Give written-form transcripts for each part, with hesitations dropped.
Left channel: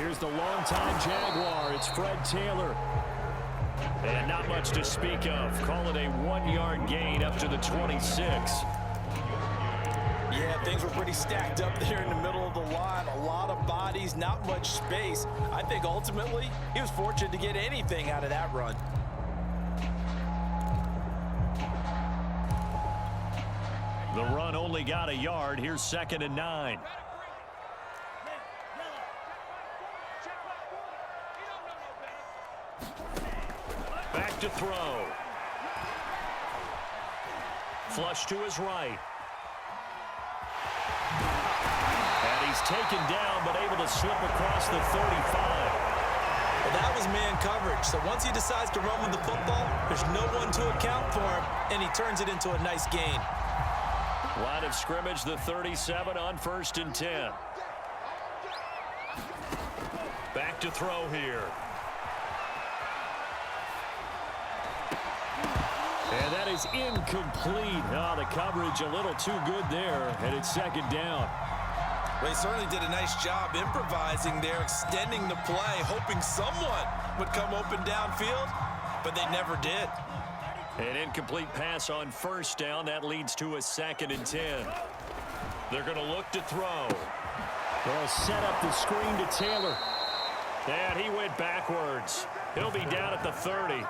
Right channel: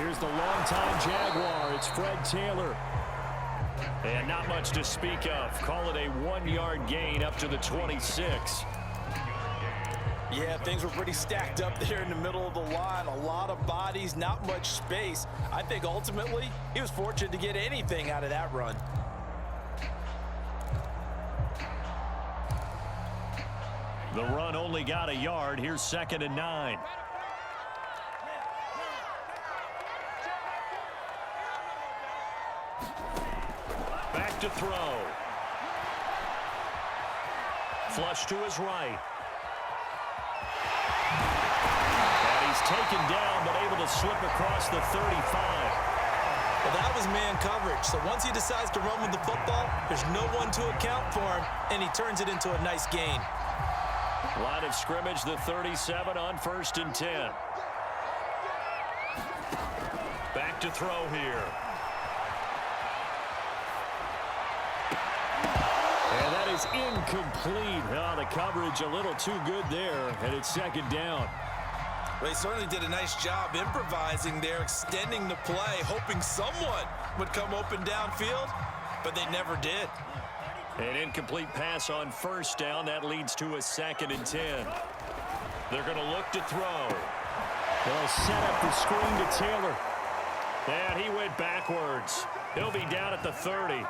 Here's the longtime Jaguar. It's Fred Taylor. And not much to speak of. Call it a 1-yard gain up to the 26. Yeah, things were pretty stacked up there in the middle of the line. A lot of bodies, not much space. I think ultimately he was fortunate to get anything out of that run. The run only got a yard. Here's 2nd and 9. Back to throw. Flush to his right. And he's taken down, but able to slip across the 35. Well, that was man coverage. So once he decides to run with the football, there's no one to account for him, and he turns it into a nice gain. Line of scrimmage, the 37 on 1st and 10. Back to throw here. And that is incomplete. Oh, the coverage a little too good there, and it's 2nd down. Well, he certainly did a nice job improvising there, extending the play, hoping someone would come open downfield, but they never did. An incomplete pass on 1st down. That leads to a 2nd and 10. They're going to look to throw. They'll set up the screen to Taylor. And he went backwards. He'll be down at the 30.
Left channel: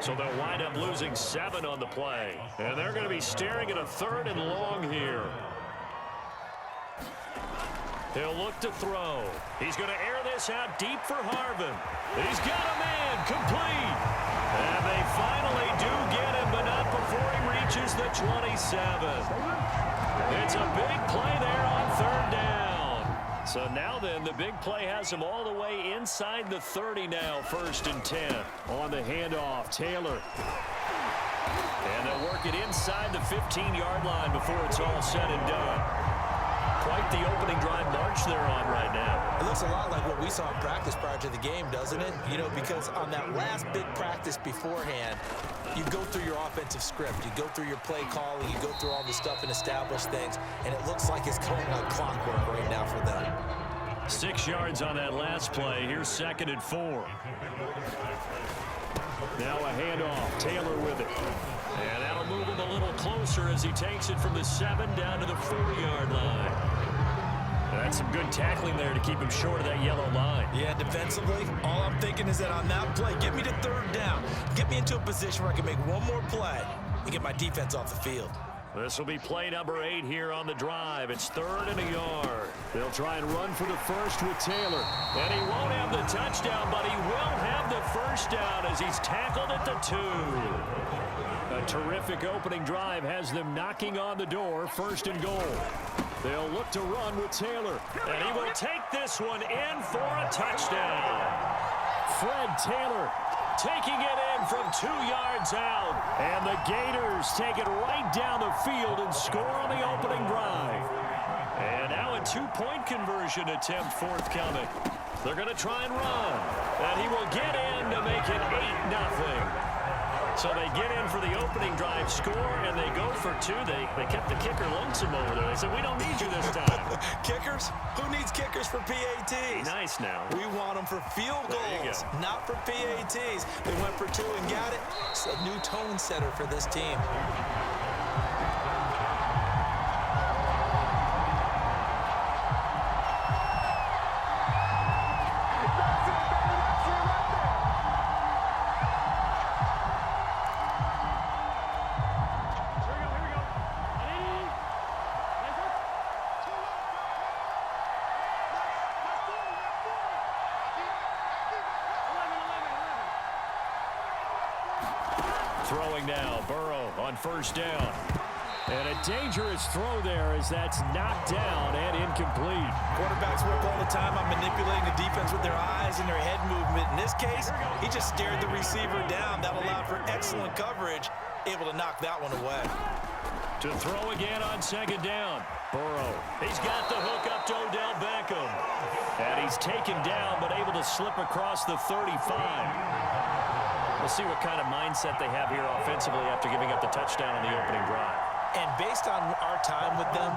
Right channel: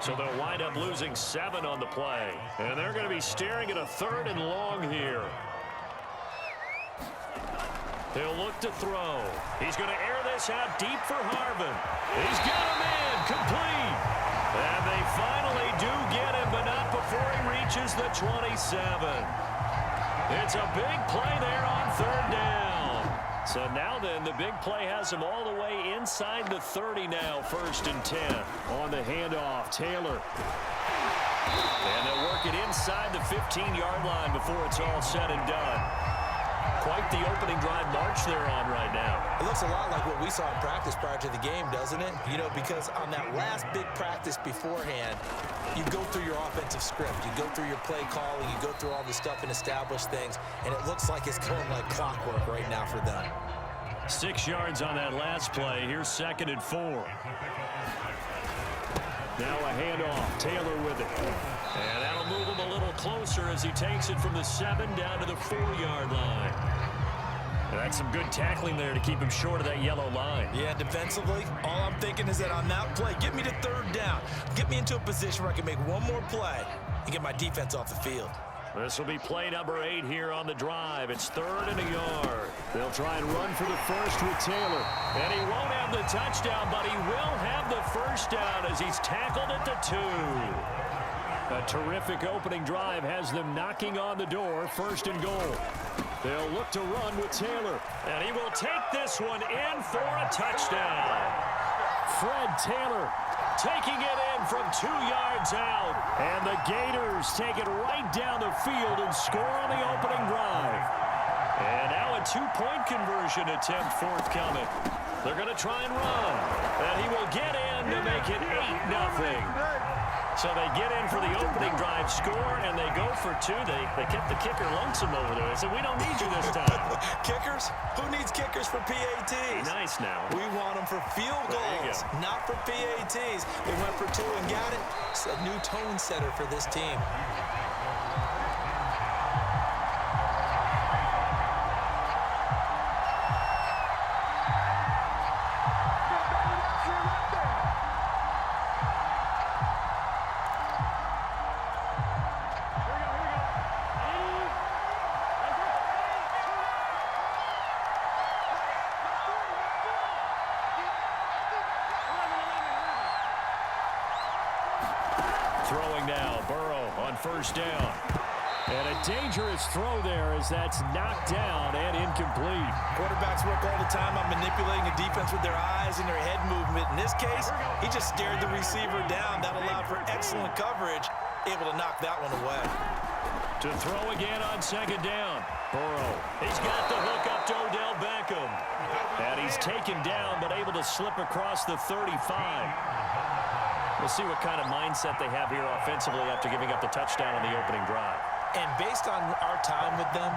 So they'll wind up losing 7 on the play. And they're going to be staring at a 3rd and long here. He'll look to throw. He's going to air this out deep for Harvin. He's got a man complete. And they finally do get him, but not before he reaches the 27. It's a big play there on 3rd down. So now then, the big play has him all the way inside the 30 now, 1st and 10. On the handoff, Taylor. And they'll work it inside the 15-yard line before it's all said and done. Quite the opening drive march they're on right now. It looks a lot like what we saw in practice prior to the game, doesn't it? You know, because on that last big practice beforehand, you go through your offensive script. You go through your play calling. You go through all the stuff and establish things. And it looks like it's going like clockwork right now for them. 6 yards on that last play. Here's 2nd and 4. Now a handoff. Taylor with it. And that'll move him a little closer as he takes it from the 7 down to the 4-yard line. And that's some good tackling there to keep him short of that yellow line. Yeah, defensively, all I'm thinking is that on that play, get me to 3rd down. Get me into a position where I can make one more play and get my defense off the field. This will be play number 8 here on the drive. It's 3rd and a yard. They'll try and run for the 1st with Taylor. And he won't have the touchdown, but he will have the 1st down as he's tackled at the 2. A terrific opening drive has them knocking on the door, 1st and goal. They'll look to run with Taylor. And he will take this one in for a touchdown. Fred Taylor taking it in from 2 yards out. And the Gators take it right down the field and score on the opening drive. And now a 2-point conversion attempt forthcoming. They're going to try and run. And he will get in to make it 8-0. So they get in for the opening drive score, and they go for 2. They kept the kicker lonesome over there. They said, we don't need you this time. Kickers? Who needs kickers for PATs? Nice now. We want them for field goals, not for PATs. They went for 2 and got it. It's a new tone setter for this team. Throwing now, Burrow on 1st down. And a dangerous throw there as that's knocked down and incomplete. Quarterbacks work all the time on manipulating a defense with their eyes and their head movement. In this case, he just stared the receiver down. That allowed for excellent coverage, able to knock that one away. To throw again on 2nd down. Burrow, he's got the hook up to Odell Beckham. And he's taken down but able to slip across the 35. We'll see what kind of mindset they have here offensively after giving up the touchdown on the opening drive. And based on our time with them,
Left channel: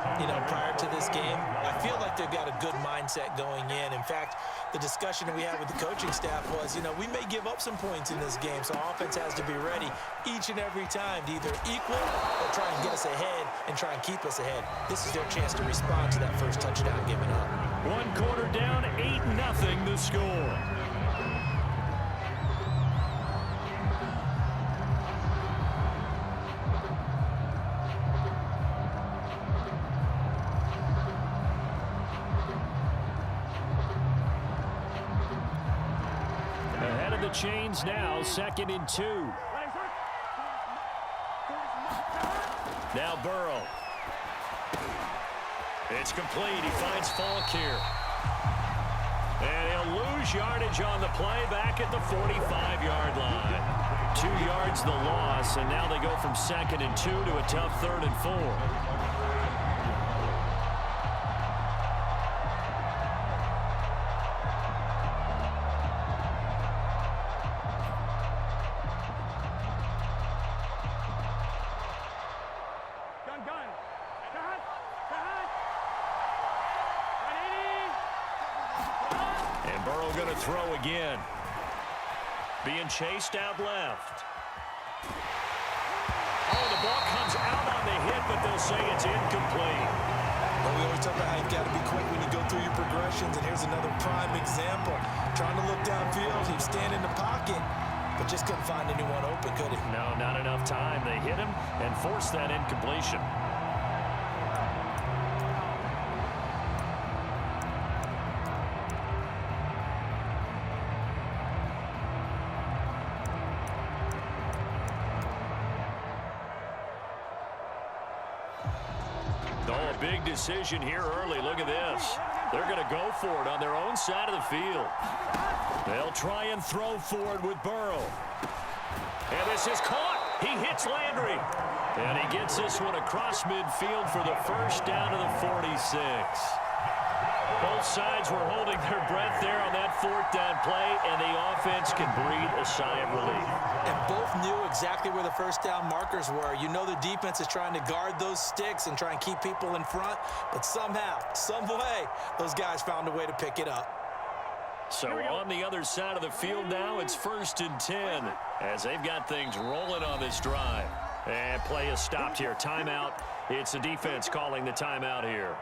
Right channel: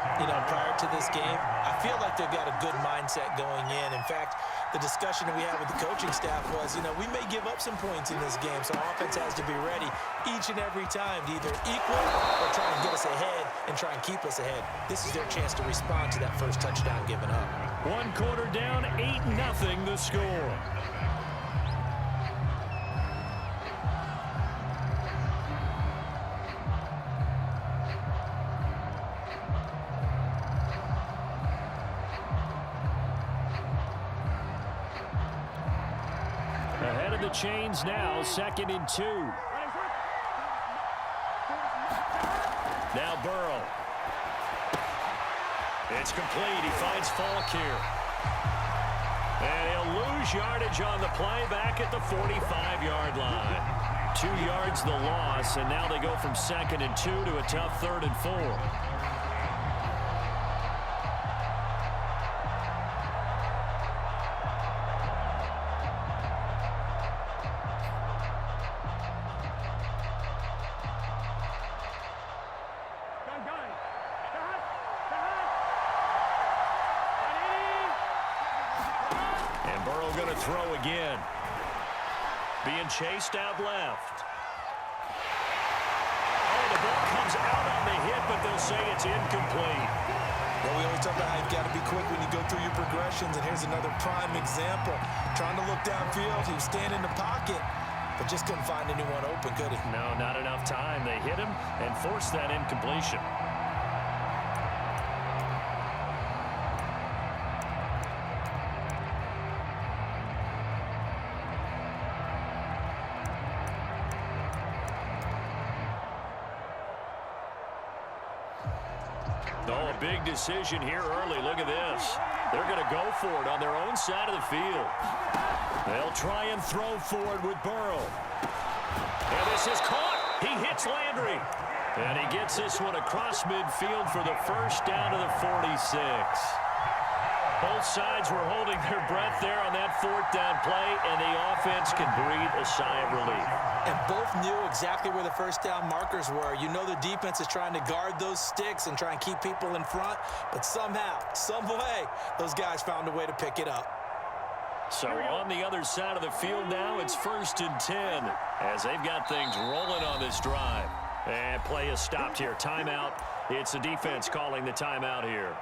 prior to this game, I feel like they've got a good mindset going in. In fact, the discussion that we had with the coaching staff was, we may give up some points in this game, so our offense has to be ready each and every time to either equal or try and get us ahead and try and keep us ahead. This is their chance to respond to that first touchdown given up. 1 quarter down, 8-0 the score. Ahead of the chains now, 2nd and 2. Now Burrow. It's complete. He finds Falk here. And he'll lose yardage on the play back at the 45-yard line. 2 yards the loss, and now they go from 2nd and 2 to a tough 3rd and 4. And Burrow going to throw again. Being chased out left. Oh, the ball comes out on the hit, but they'll say it's incomplete. Well, we always talk about how you've got to be quick when you go through your progressions, and here's another prime example. Trying to look downfield, he was standing in the pocket, but just couldn't find anyone open, could he? No, not enough time. They hit him and forced that incompletion. Oh, a big decision here early. Look at this. They're going to go for it on their own side of the field. They'll try and throw forward with Burrow. And this is caught. He hits Landry. And he gets this one across midfield for the first down to the 46. Both sides were holding their breath there on that 4th down play, and the offense can breathe a sigh of relief. And both knew exactly where the first down markers were. The defense is trying to guard those sticks and try and keep people in front, but somehow, some way, those guys found a way to pick it up. So on the other side of the field now, it's 1st and 10 as they've got things rolling on this drive. And play is stopped here. Timeout. It's the defense calling the timeout here.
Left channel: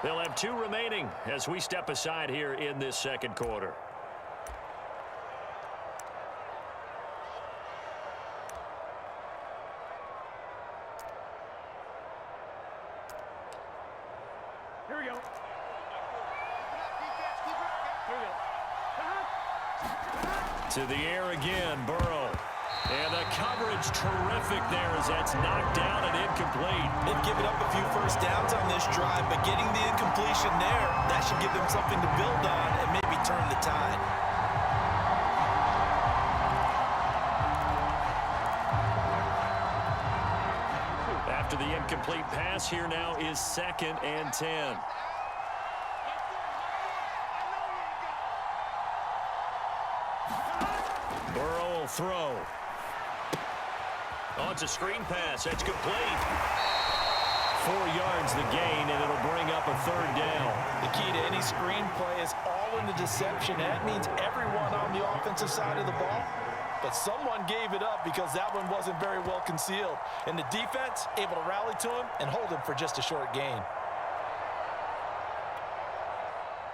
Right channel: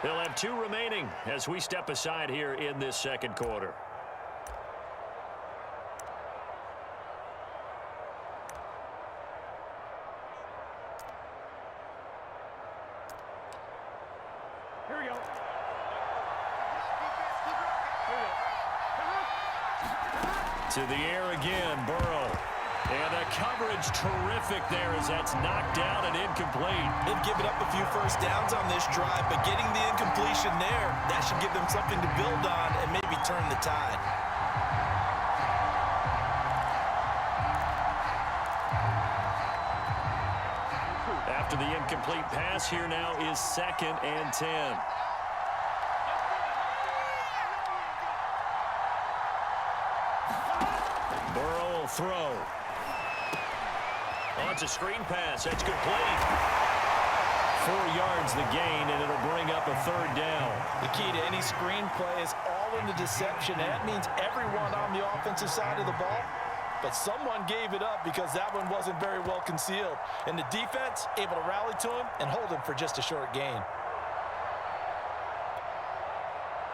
They'll have 2 remaining as we step aside here in this 2nd quarter. Here we go. To the air again, Burrow. And the coverage terrific there as that's knocked down and incomplete. They've given up a few first downs on this drive, but getting the incompletion there, that should give them something to build on and maybe turn the tide. After the incomplete pass, here now is 2nd and 10. Burrow will throw. Oh, it's a screen pass. It's complete. 4 yards the gain, and it'll bring up a 3rd down. The key to any screen play is all in the deception. That means everyone on the offensive side of the ball, but someone gave it up because that one wasn't very well concealed. And the defense able to rally to him and hold him for just a short gain.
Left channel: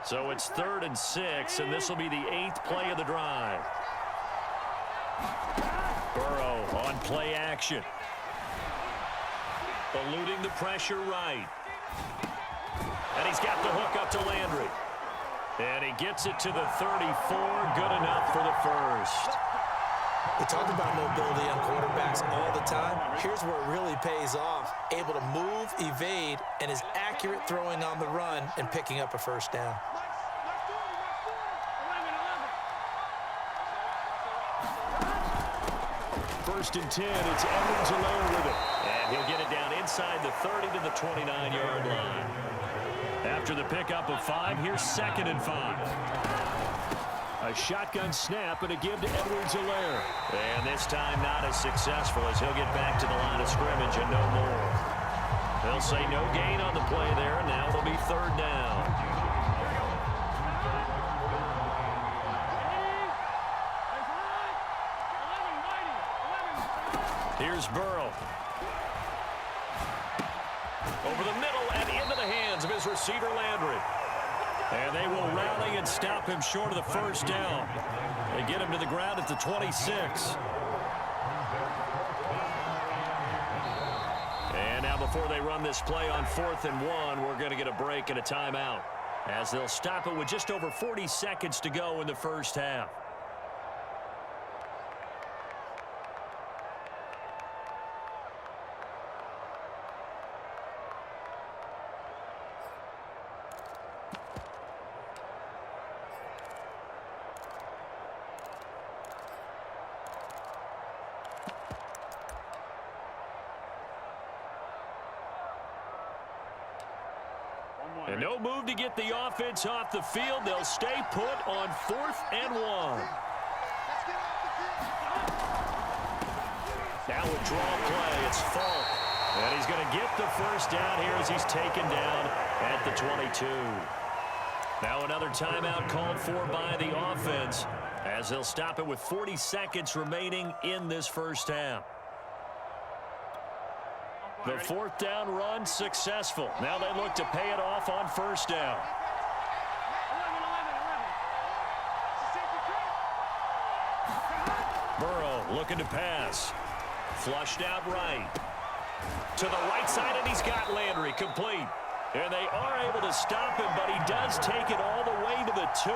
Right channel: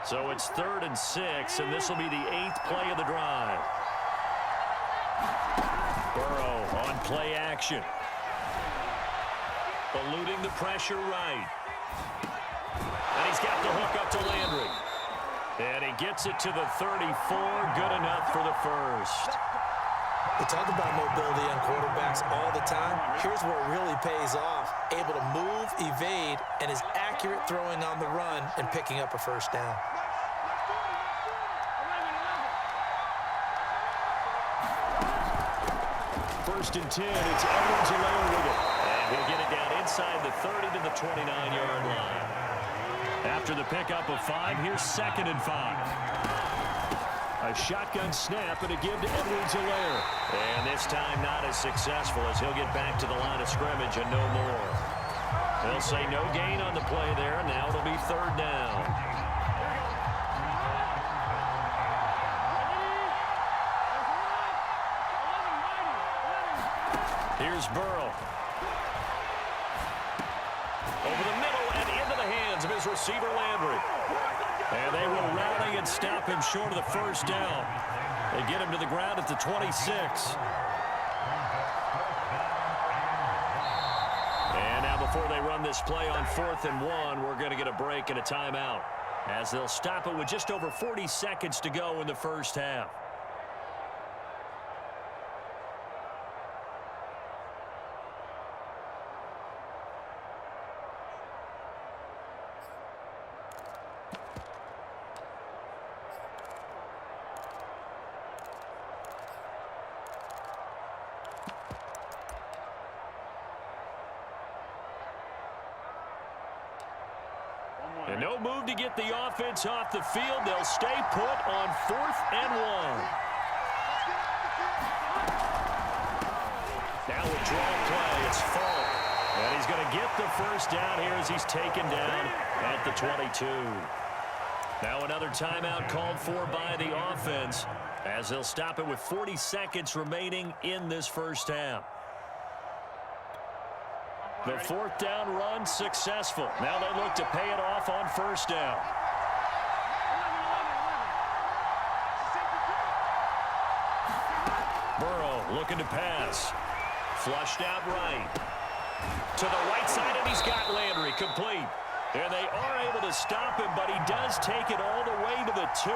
So it's 3rd and 6, and this will be the 8th play of the drive. Burrow on play action. Eluding the pressure right. And he's got the hook up to Landry. And he gets it to the 34. Good enough for the first. We talk about mobility on quarterbacks all the time. Here's where it really pays off. Able to move, evade, and is accurate throwing on the run and picking up a first down. First and 10, it's Edwards-Helaire with it. And he'll get it down inside the 30 to the 29-yard line. After the pickup of 5, here's 2nd and 5. A shotgun snap and a give to Edwards-Helaire. And this time not as successful as he'll get back to the line of scrimmage and no more. They'll say no gain on the play there. Now it'll be third down. Here's Burrow. Over the middle and into the hands of his receiver, Landry. And they will rally and stop him short of the first down. They get him to the ground at the 26. And now before they run this play on 4th and 1, we're going to get a break and a timeout, as they'll stop it with just over 40 seconds to go in the first half. And no move to get the offense off the field. They'll stay put on 4th and 1. Now withdrawal play. It's Falk. And he's going to get the first down here as he's taken down at the 22. Now another timeout called for by the offense, as they'll stop it with 40 seconds remaining in this first half. The 4th down run successful. Now they look to pay it off on first down. Burrow looking to pass. Flushed out right. To the right side, and he's got Landry complete. And they are able to stop him, but he does take it all the way to the 2.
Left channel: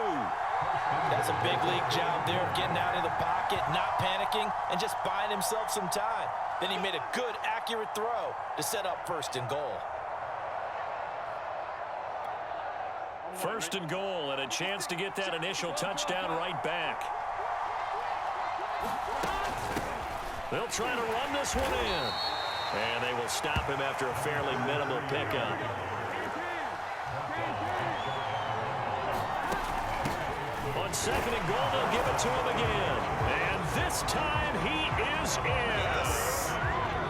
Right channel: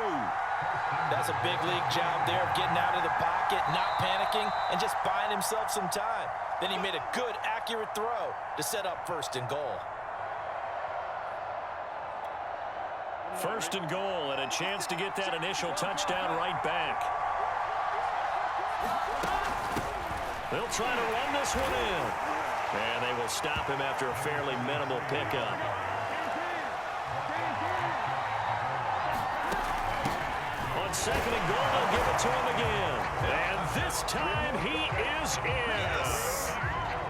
That's a big league job there of getting out of the pocket, not panicking, and just buying himself some time. Then he made a good, accurate throw to set up 1st and goal. 1st and goal, and a chance to get that initial touchdown right back. They'll try to run this one in. And they will stop him after a fairly minimal pickup. On 2nd and goal, they'll give it to him again. And this time he is in. Yes.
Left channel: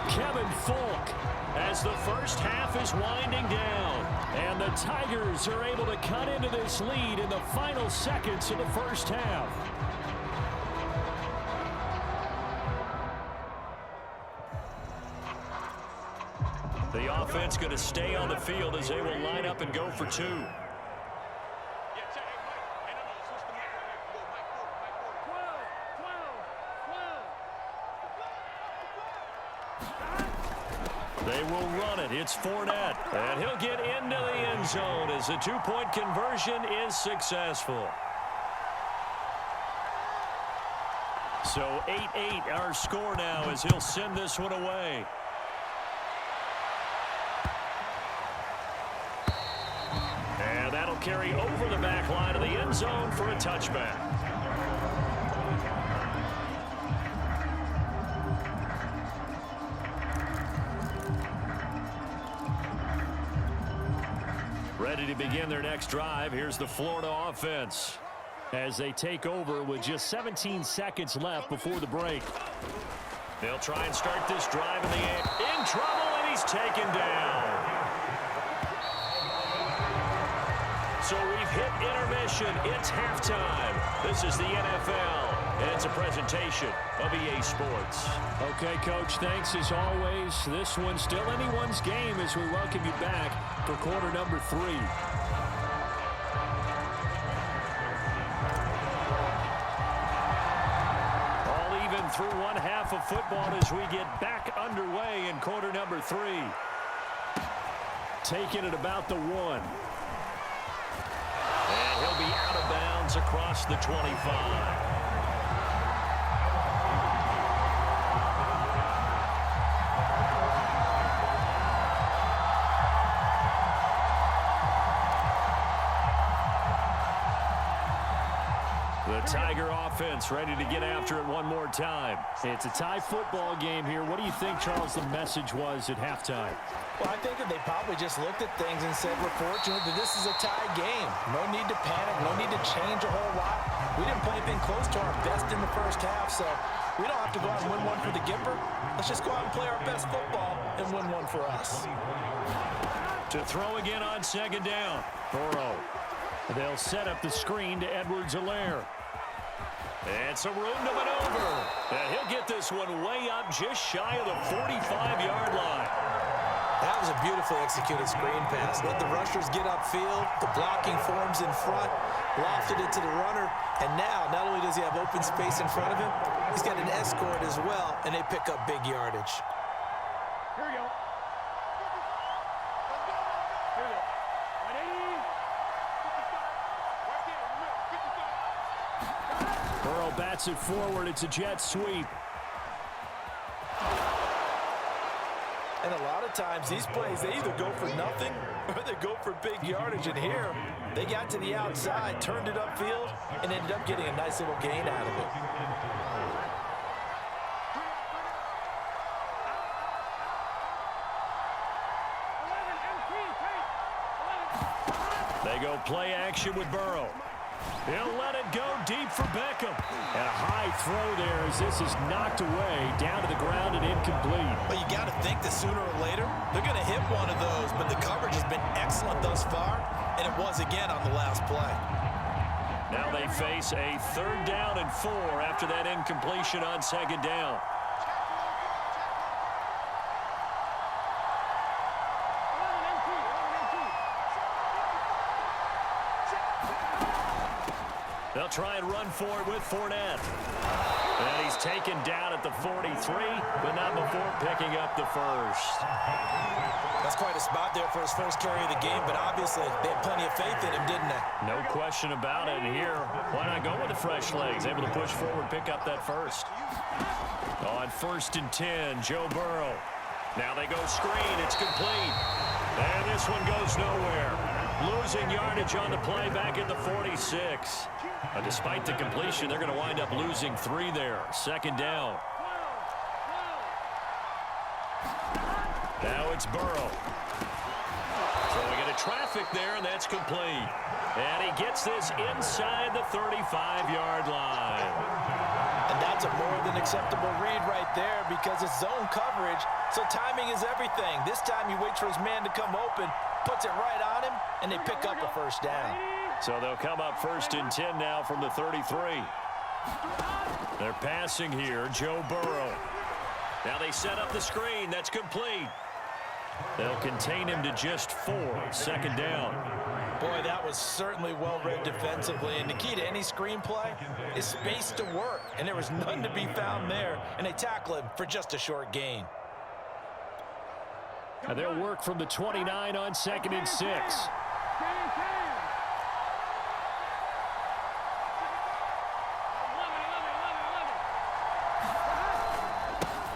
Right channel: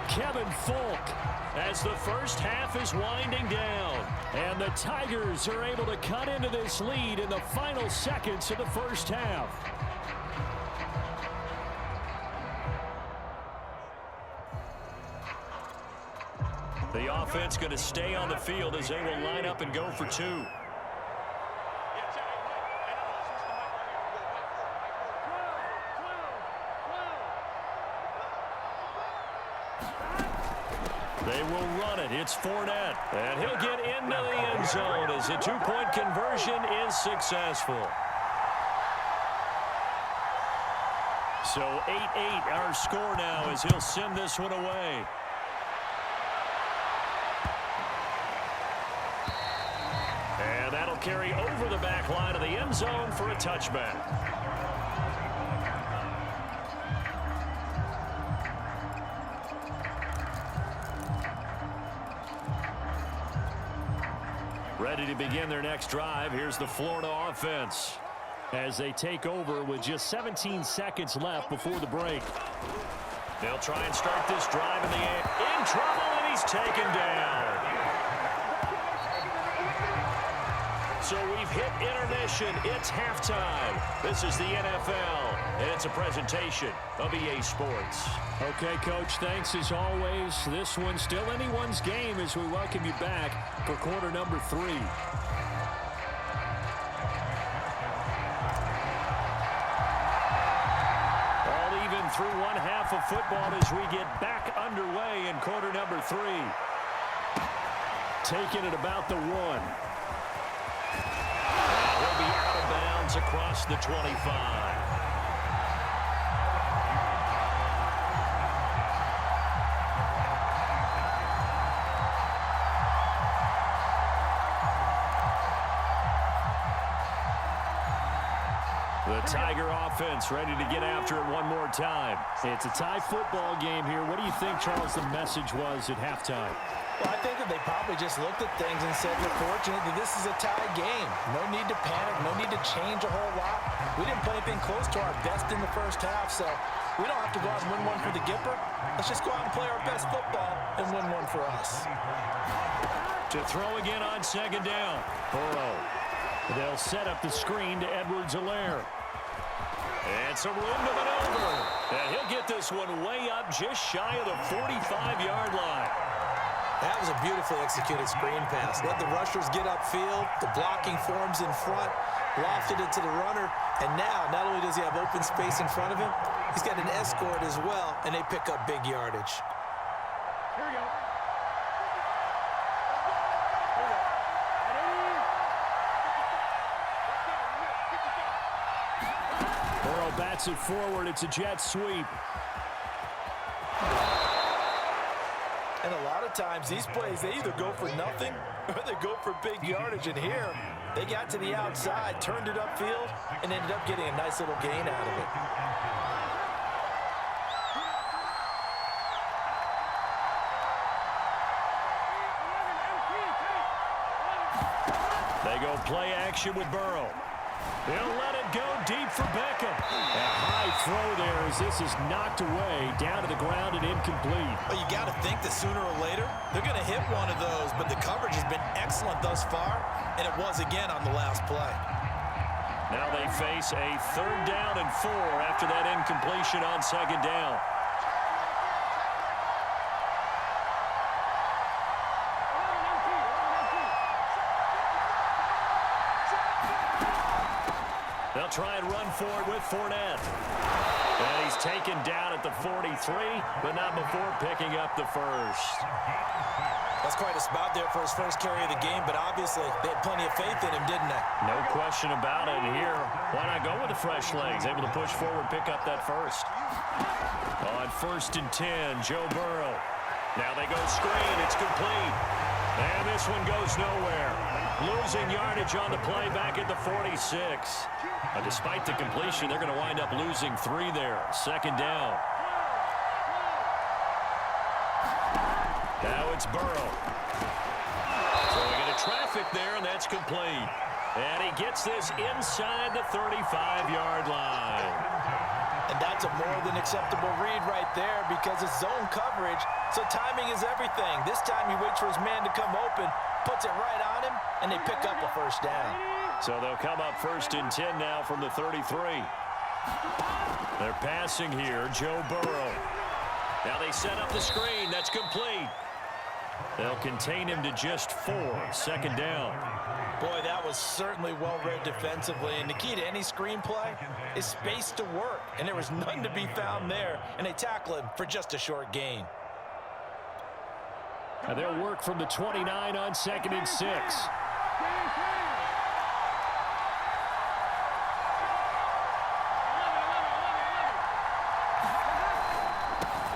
Kevin Falk, as the first half is winding down. And the Tigers are able to cut into this lead in the final seconds of the first half. The offense going to stay on the field as they will line up and go for 2. They will run it. It's Fournette. And he'll get into the end zone as the 2-point conversion is successful. So 8-8 our score now as he'll send this one away. And that'll carry over the back line of the end zone for a touchback. Ready to begin their next drive. Here's the Florida offense as they take over with just 17 seconds left before the break. They'll try and start this drive in the air. In trouble, and he's taken down. So we've hit intermission. It's halftime. This is the NFL, and it's a presentation of EA Sports. Okay, Coach, thanks as always. This one's still anyone's game as we welcome you back for quarter number 3. All even through one half of football as we get back underway in quarter number 3. Taking it about the 1. And he'll be out of bounds across the 25. The Tiger offense ready to get after it one more time. It's a tie football game here. What do you think, Charles, the message was at halftime? Well, I think that they probably just looked at things and said, we're fortunate that this is a tie game. No need to panic. No need to change a whole lot. We didn't play anything close to our best in the first half, so We don't have to go out and win one for the Gipper. Let's just go out and play our best football and win one for us. To throw again on second down. Burrow. They'll set up the screen to Edwards-Helaire. And some room to maneuver. And he'll get this one way up just shy of the 45-yard line. That was a beautifully executed screen pass. Let the rushers get upfield. The blocking forms in front. Lofted it to the runner. And now, not only does he have open space in front of him, he's got an escort as well, and they pick up big yardage. Here we go. Burrow bats it forward. It's a jet sweep. And a lot of times, these plays, they either go for nothing or they go for big yardage. And here, they got to the outside, turned it upfield, and ended up getting a nice little gain out of it. They go play action with Burrow. He'll let it go deep for Beckham. And a high throw there as this is knocked away, down to the ground and incomplete. Well, you got to think that sooner or later, they're going to hit one of those, but the coverage has been excellent thus far, and it was again on the last play. Now they face a 3rd down and 4 after that incompletion on second down. They'll try and run for it with Fournette. And he's taken down at the 43, but not before picking up the first. That's quite a spot there for his first carry of the game, but obviously they had plenty of faith in him, didn't they? No question about it. And here, why not go with the fresh legs? Able to push forward, pick up that first. On 1st and 10, Joe Burrow. Now they go screen. It's complete. And this one goes nowhere. Losing yardage on the play back at the 46. Despite the completion, they're going to wind up losing 3 there. 2nd down. Now it's Burrow. So we get a traffic there, and that's complete. And he gets this inside the 35-yard line. And that's a more than acceptable read right there because it's zone coverage, so timing is everything. This time he waits for his man to come open, puts it right on him, and they pick up a first down. So they'll come up 1st and 10 now from the 33. They're passing here, Joe Burrow. Now they set up the screen. That's complete. They'll contain him to just 4. 2nd down. Boy, that was certainly well-read defensively, and the key to any screenplay is space to work, and there was none to be found there, and they tackle him for just a short gain. And they'll work from the 29 on 2nd and 6.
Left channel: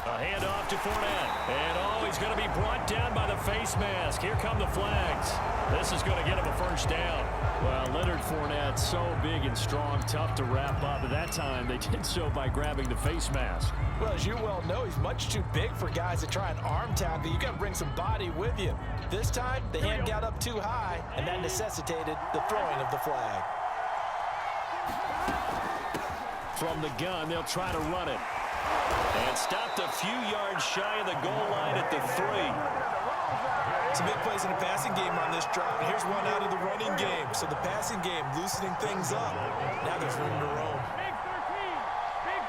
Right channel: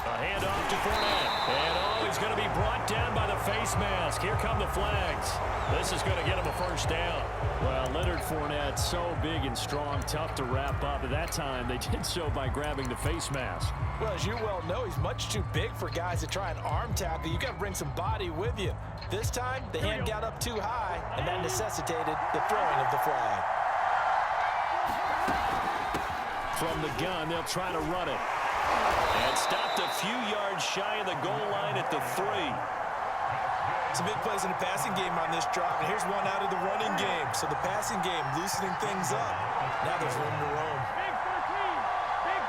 A handoff to Fournette. And oh, he's going to be brought down by the face mask. Here come the flags. This is going to get him a first down. Well, Leonard Fournette, so big and strong, tough to wrap up. At that time, they did so by grabbing the face mask. Well, as you well know, he's much too big for guys to try and arm tackle. You got to bring some body with you. This time, the hand got up too high, and that necessitated the throwing of the flag. From the gun, they'll try to run it. And stopped a few yards shy of the goal line at the 3. Some big plays in the passing game on this drive, and here's one out of the running game. So the passing game loosening things up. Now there's room to roam. Big 13. Big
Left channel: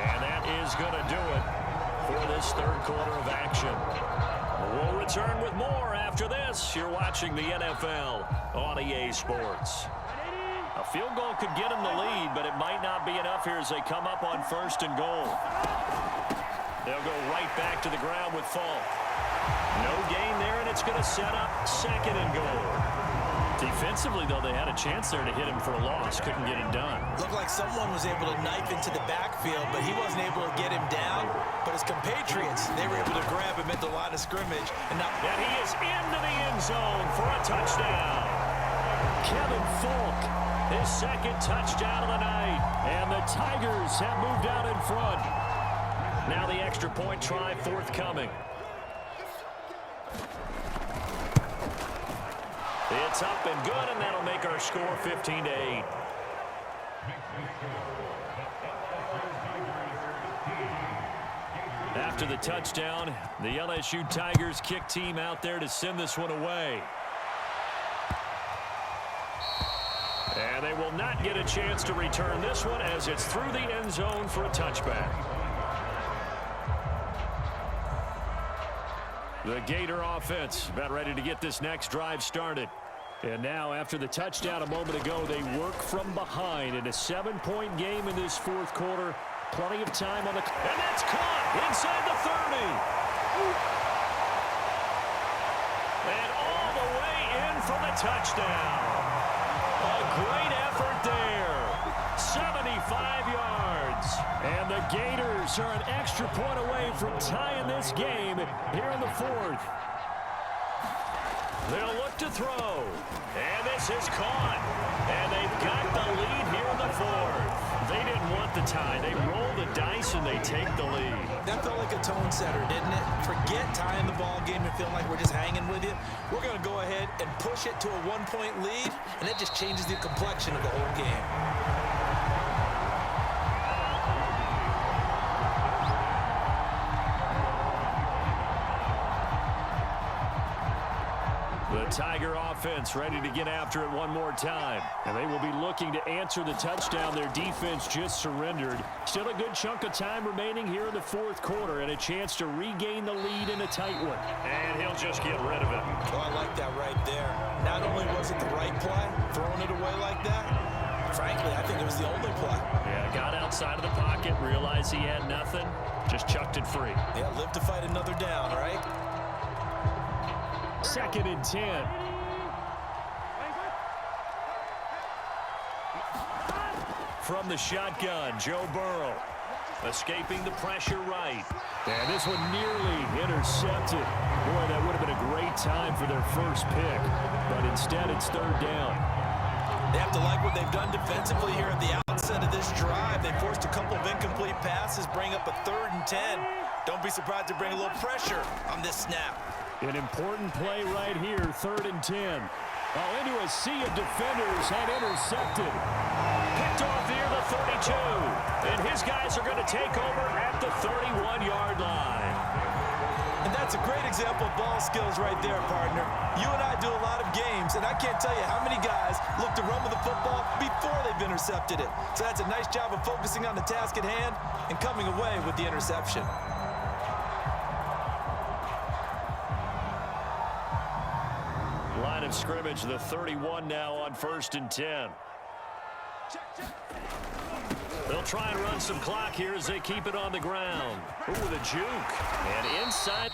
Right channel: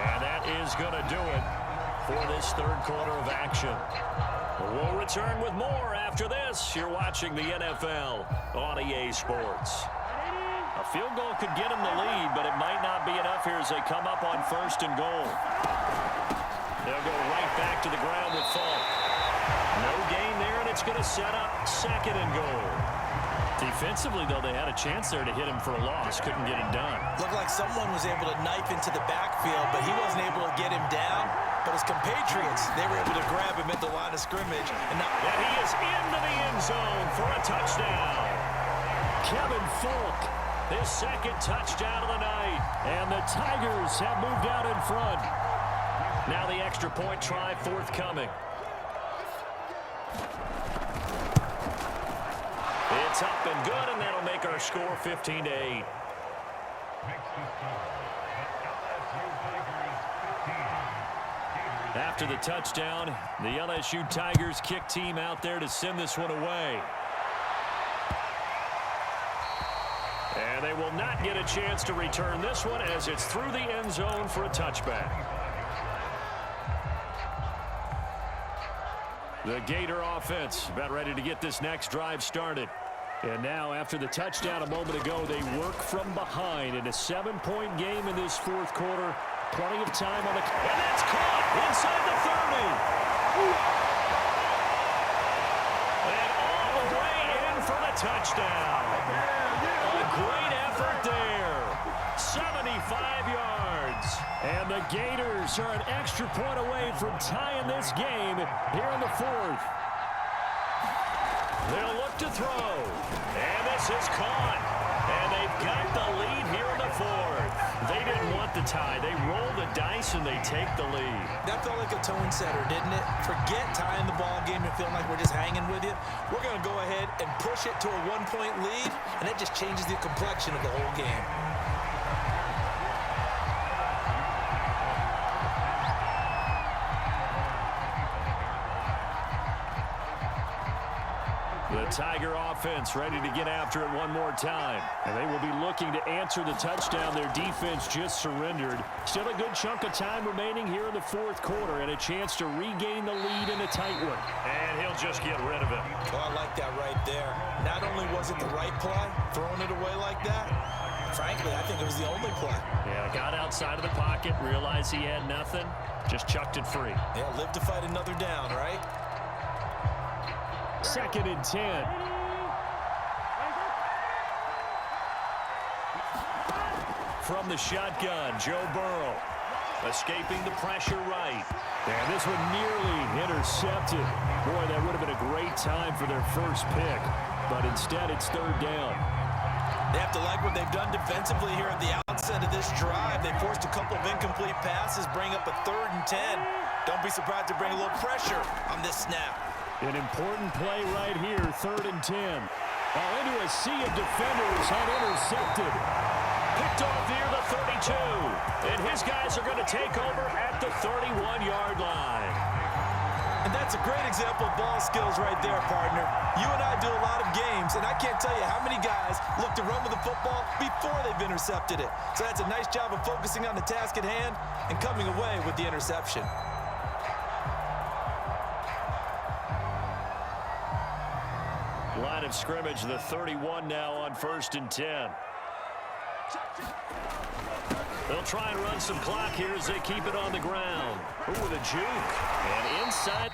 13. And that is going to do it for this 3rd quarter of action. We'll return with more after this. You're watching the NFL on EA Sports. A field goal could get them the lead, but it might not be enough here as they come up on 1st and goal. They'll go right back to the ground with Falk. No gain there, and it's going to set up 2nd and goal. Defensively, though, they had a chance there to hit him for a loss. Couldn't get it done. Looked like someone was able to knife into the backfield, but he wasn't able to get him down. But his compatriots, they were able to grab him at the line of scrimmage. And he is into the end zone for a touchdown. Kevin Falk, his 2nd touchdown of the night. And the Tigers have moved out in front. Now the extra point try forthcoming. It's up and good, and that'll make our score 15-8. After the touchdown, the LSU Tigers kick team out there to send this one away. And they will not get a chance to return this one as it's through the end zone for a touchback. The Gator offense about ready to get this next drive started. And now after the touchdown a moment ago, they work from behind in a 7-point game in this fourth quarter. Plenty of time on the... And that's caught inside the 30. And all the way in for the touchdown. A great effort there. 75 yards. And the Gators are an extra point away from tying this game here in the fourth. They'll look to throw. And this is caught. And they've got the lead here in the fourth. They didn't want the tie. They roll the dice and they take the lead. That felt like a tone setter, didn't it? Forget tying the ball game and feeling like we're just hanging with you. We're going to go ahead and push it to a 1-point lead, and it just changes the complexion of the whole game. The Tiger offense ready to get after it one more time. And they will be looking to answer the touchdown their defense just surrendered. Still a good chunk of time remaining here in the fourth quarter and a chance to regain the lead in a tight one. And he'll just get rid of it. Oh, I like that right there. Not only was it the right play, throwing it away like that, frankly, I think it was the only play. Yeah, got outside of the pocket, realized he had nothing, just chucked it free. Yeah, live to fight another down, right? 2nd and 10. From the shotgun, Joe Burrow escaping the pressure right. And this one nearly intercepted. Boy, that would have been a great time for their first pick. But instead, it's 3rd down. They have to like what they've done defensively here at the outset of this drive. They forced a couple of incomplete passes, bring up a 3rd and 10. Don't be surprised to bring a little pressure on this snap. An important play right here, 3rd and 10. Oh, into a sea of defenders and intercepted. Picked off near the 32. And his guys are going to take over at the 31-yard line. And that's a great example of ball skills right there, partner. You and I do a lot of games, and I can't tell you how many guys look to run with the football before they've intercepted it. So that's a nice job of focusing on the task at hand and coming away with the interception. Line of scrimmage, the 31 now on 1st and 10. They'll try and run some clock here as they keep it on the ground. Ooh, with a juke. And inside.